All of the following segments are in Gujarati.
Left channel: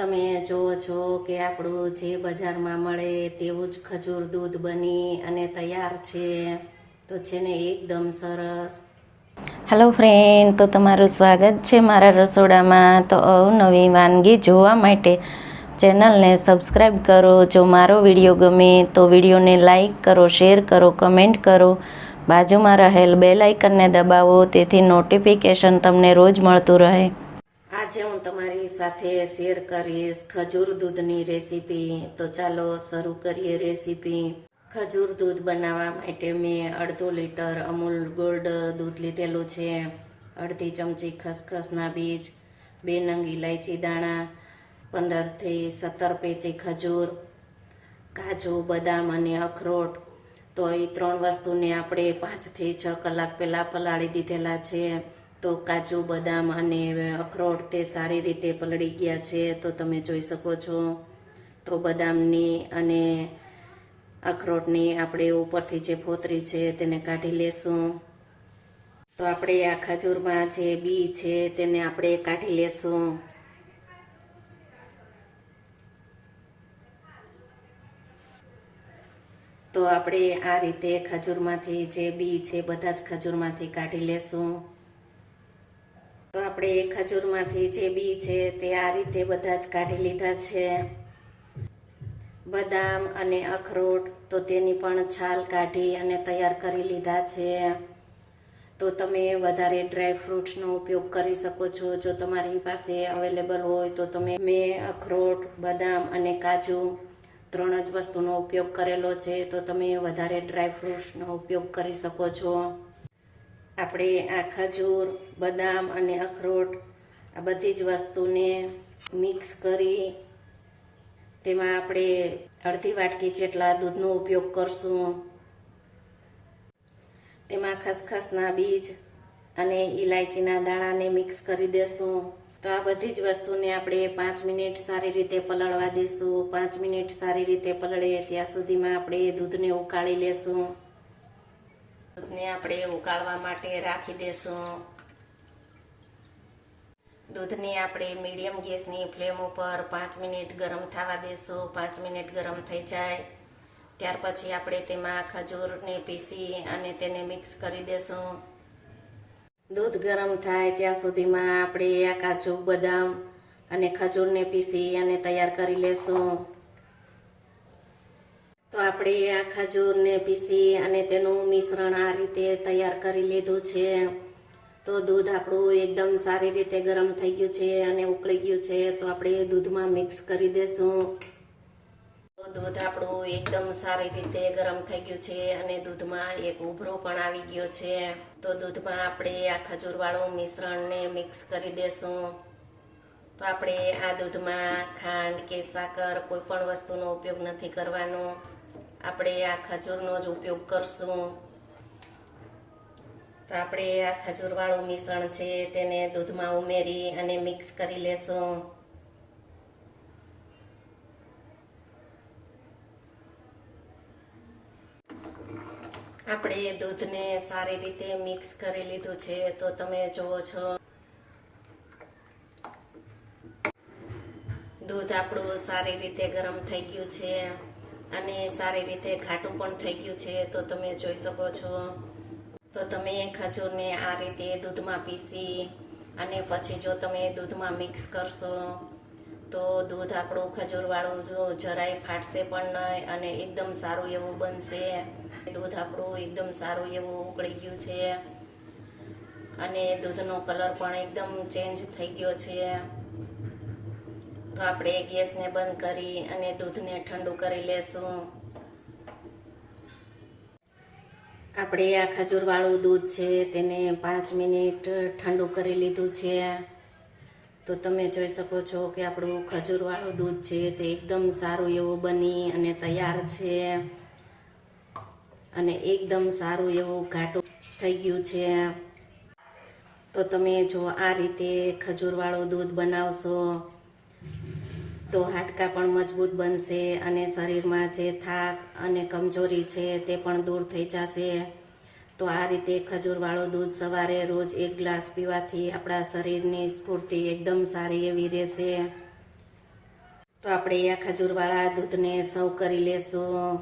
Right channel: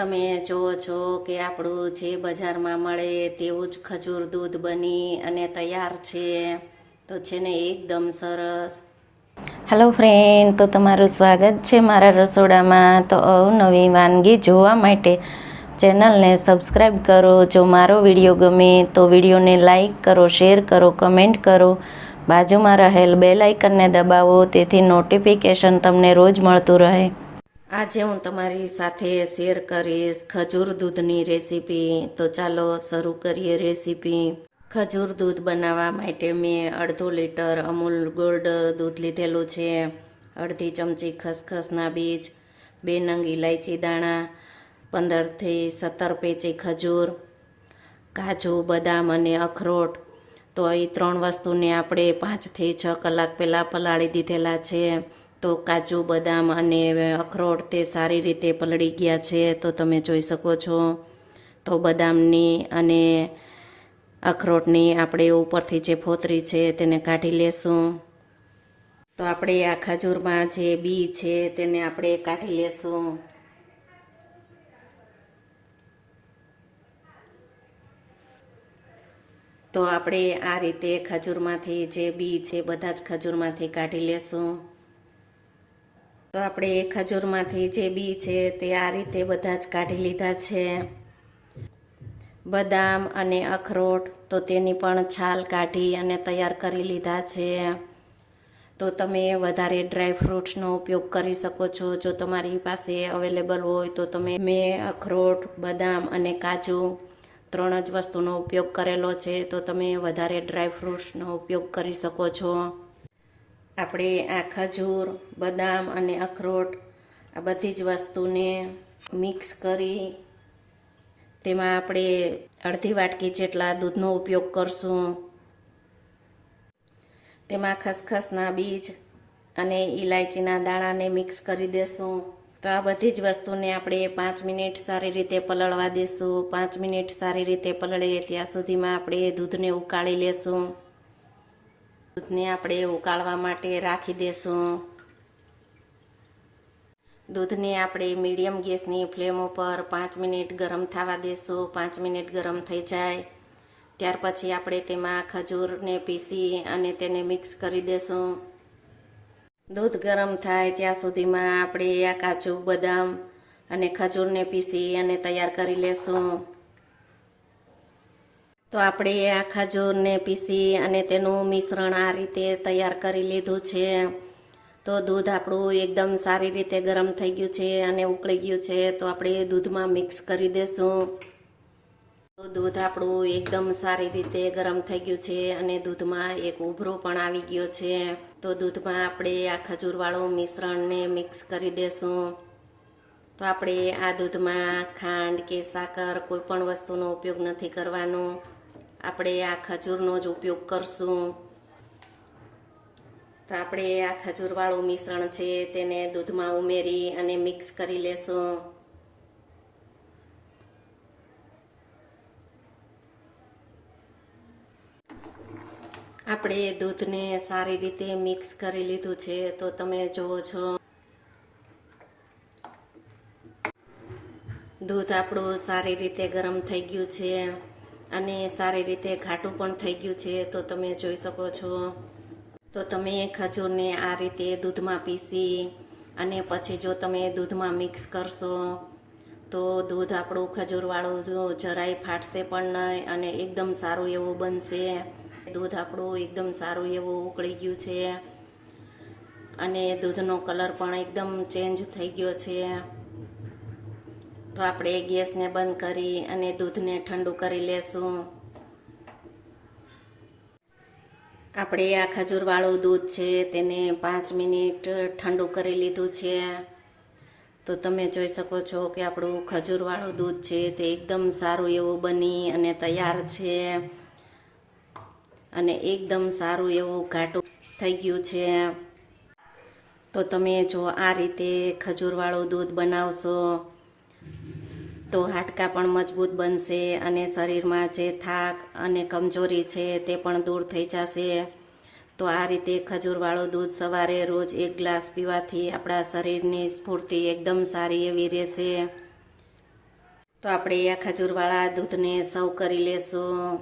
તમે જુઓ છો કે આપણું જે બજારમાં મળે તેવું જ ખજૂર દૂધ બની અને તૈયાર છે. તો છે ને એકદમ સરસ. હેલો ફ્રેન્ડ, તો તમારું સ્વાગત છે મારા રસોડામાં. તો અવનવી વાનગી જોવા માટે ચેનલને સબસ્ક્રાઈબ કરો. જો મારો વિડીયો ગમે તો વિડીયોને લાઈક કરો, શેર કરો, કમેન્ટ કરો. બાજુમાં રહેલ બેલ આઇકનને દબાવો, તેથી નોટિફિકેશન તમને રોજ મળતું રહે. આજે હું તમારી સાથે શેર કરીશ ખજૂર દૂધની રેસીપી. તો ચાલો શરૂ કરીએ રેસીપી. ખજૂર દૂધ બનાવવા માટે મેં અડધો લીટર અમૂલ ગોલ્ડ દૂધ લીધેલું છે, અડધી ચમચી ખસખસના બીજ, 2 નંગ ઇલાયચી દાણા, 15 થી 17 પેચી ખજૂર, કાજુ, બદામ અને અખરોટ. તો એ 3 વસ્તુને આપણે 5 થી 6 કલાક પહેલાં પલાળી દીધેલા છે. તો કાજુ, બદામ અને અખરોટ તે સારી રીતે પલળી ગયા છે, તો તમે જોઈ શકો છો. તો બદામની અને અખરોટની આપણે ઉપરથી જે ફોતરી છે તેને કાઢી લેશું. તો આપણે આ ખજૂરમાં જે બી છે તેને આપણે કાઢી લેશું. તો આપણે આ રીતે ખજૂરમાંથી જે બી છે બધા જ ખજૂરમાંથી કાઢી લેશું. તો આપણે ખજૂરમાંથી જે બી છે તે આ રીતે બધા જ કાઢી લીધા છે. બદામ અને અખરોટ તો તેની પણ છાલ કાઢી અને તૈયાર કરી લીધા છે. તો તમે વધારે ડ્રાય ફ્રૂટ્સનો ઉપયોગ કરી શકો છો. જો તમારી પાસે અવેલેબલ હોય તો તમે મેં અખરોટ, બદામ અને કાજુ 3 જ વસ્તુનો ઉપયોગ કરેલો છે, તો તમે વધારે ડ્રાય ફ્રૂટ્સનો ઉપયોગ કરી શકો છો. આપણે આ ખજૂર, બદામ અને અખરોટ આ બધી જ વસ્તુને મિક્સ કરી તેમાં આપણે અડધી વાટકી જેટલા દૂધનો ઉપયોગ કરશું. તેમાં ખસખસના બીજ અને ઇલાયચીના દાણાને મિક્સ કરી દેશું. તો આ બધી જ વસ્તુને આપણે 5 મિનિટ સારી રીતે પલળવા દેશું. 5 મિનિટ સારી રીતે પલળે ત્યાં સુધીમાં આપણે દૂધને ઉકાળી લેશું. દૂધને આપણે ઉકાળવા માટે રાખી દેશું. દૂધને આપણે મીડિયમ ગેસની ફ્લેમ ઉપર 5 મિનિટ ગરમ થવા દેશું. 5 મિનિટ ગરમ થઈ જાય ત્યાર પછી આપણે તેમાં ખજૂરને પીસી અને તેને મિક્સ કરી દેશું. દૂધ ગરમ થાય ત્યાં સુધીમાં આપણે આ કાજુ, બદામ અને ખજૂરને પીસી અને તૈયાર કરી લેશું. તો આપણે આ ખજૂરને પીસી અને તેનું મિશ્રણ આ રીતે તૈયાર કરી લીધું છે. તો દૂધ આપણું એકદમ સારી રીતે ગરમ થઈ ગયું છે અને ઉકળી ગયું છે. તો આપણે દૂધમાં મિક્સ કરી દેશું. તો દૂધ આપણું એકદમ સારી રીતે ગરમ થઈ ગયું છે અને દૂધમાં એક ઉભરો પણ આવી ગયો છે. તો દૂધમાં આપણે આ ખજૂરવાળું મિશ્રણને મિક્સ કરી દેશું. તો આપણે આ દૂધમાં ખાંડ કે સાકર કોઈ પણ વસ્તુનો ઉપયોગ નથી કરવાનો. આપણે આ ખજૂરનો જ ઉપયોગ કરશું. તો આપણે આ ખજૂરવાળું મિશ્રણ છે તેને દૂધમાં ઉમેરી અને મિક્સ કરી લેશું. આપણે દૂધને સારી રીતે મિક્સ કરી લીધું છે. તો તમે જુઓ છો દૂધ આપણું સારી રીતે ગરમ થઈ ગયું છે અને સારી રીતે ઘાટું પણ થઈ ગયું છે. તો તમે જોઈ શકો છો. તો તમે ખજૂરને આ રીતે દૂધમાં પીસી અને પછી જો તમે દૂધમાં મિક્સ કરશો તો દૂધ આપણું ખજૂરવાળું જરાય ફાટશે પણ નહીં અને એકદમ સારું એવું બનશે. દૂધ આપણું એકદમ સારું એવું ઉકળી ગયું છે અને દૂધનો કલર પણ એકદમ ચેન્જ થઈ ગયો છે. તો આપણે ગેસને બંધ કરી અને દૂધને ઠંડુ કરી લેશું. આપણે આ ખજૂરવાળું દૂધ છે તેને 5 મિનિટ ઠંડુ કરી લીધું છે. તો તમે જોઈ શકો છો કે આપણું ખજૂરવાળું દૂધ છે તે એકદમ સારું એવું બની અને તૈયાર છે અને એકદમ સારું એવું ઘાટું થઈ ગયું છે. તો તમે જો આ રીતે ખજૂરવાળું દૂધ બનાવશો તો હાડકાં પણ મજબૂત બનશે અને શરીરમાં જે થાક અને કમજોરી છે તે પણ દૂર થઈ જશે. તો આ રીતે ખજૂરવાળું દૂધ સવારે રોજ 1 ગ્લાસ પીવાથી આપણા શરીરની સ્ફૂર્તિ એકદમ સારી એવી રહેશે. તો આપણે આ ખજૂરવાળા દૂધને સર્વ કરી લેશું.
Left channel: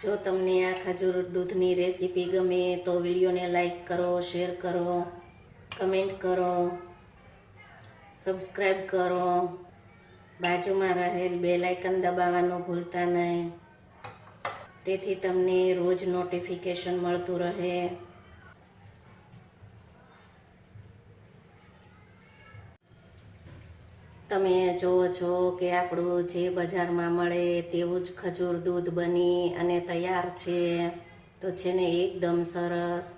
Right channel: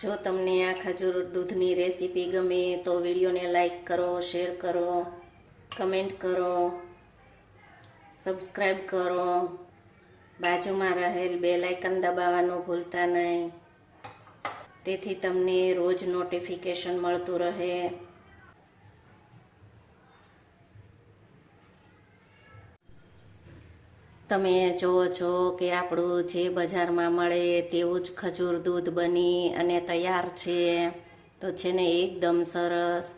જો તમને આ ખજૂર દૂધની રેસીપી ગમે તો વિડીયોને લાઈક કરો, શેર કરો, કમેન્ટ કરો, સબસ્ક્રાઈબ કરો, બાજુમાં રહેલ બેલ આઇકન દબાવવાનું ભૂલતા નહીં, તેથી તમને રોજ નોટિફિકેશન મળતું રહે. તમે જુઓ છો કે આપણું જે બજારમાં મળે તેવું જ ખજૂર દૂધ બની અને તૈયાર છે. તો છે ને એકદમ સરસ.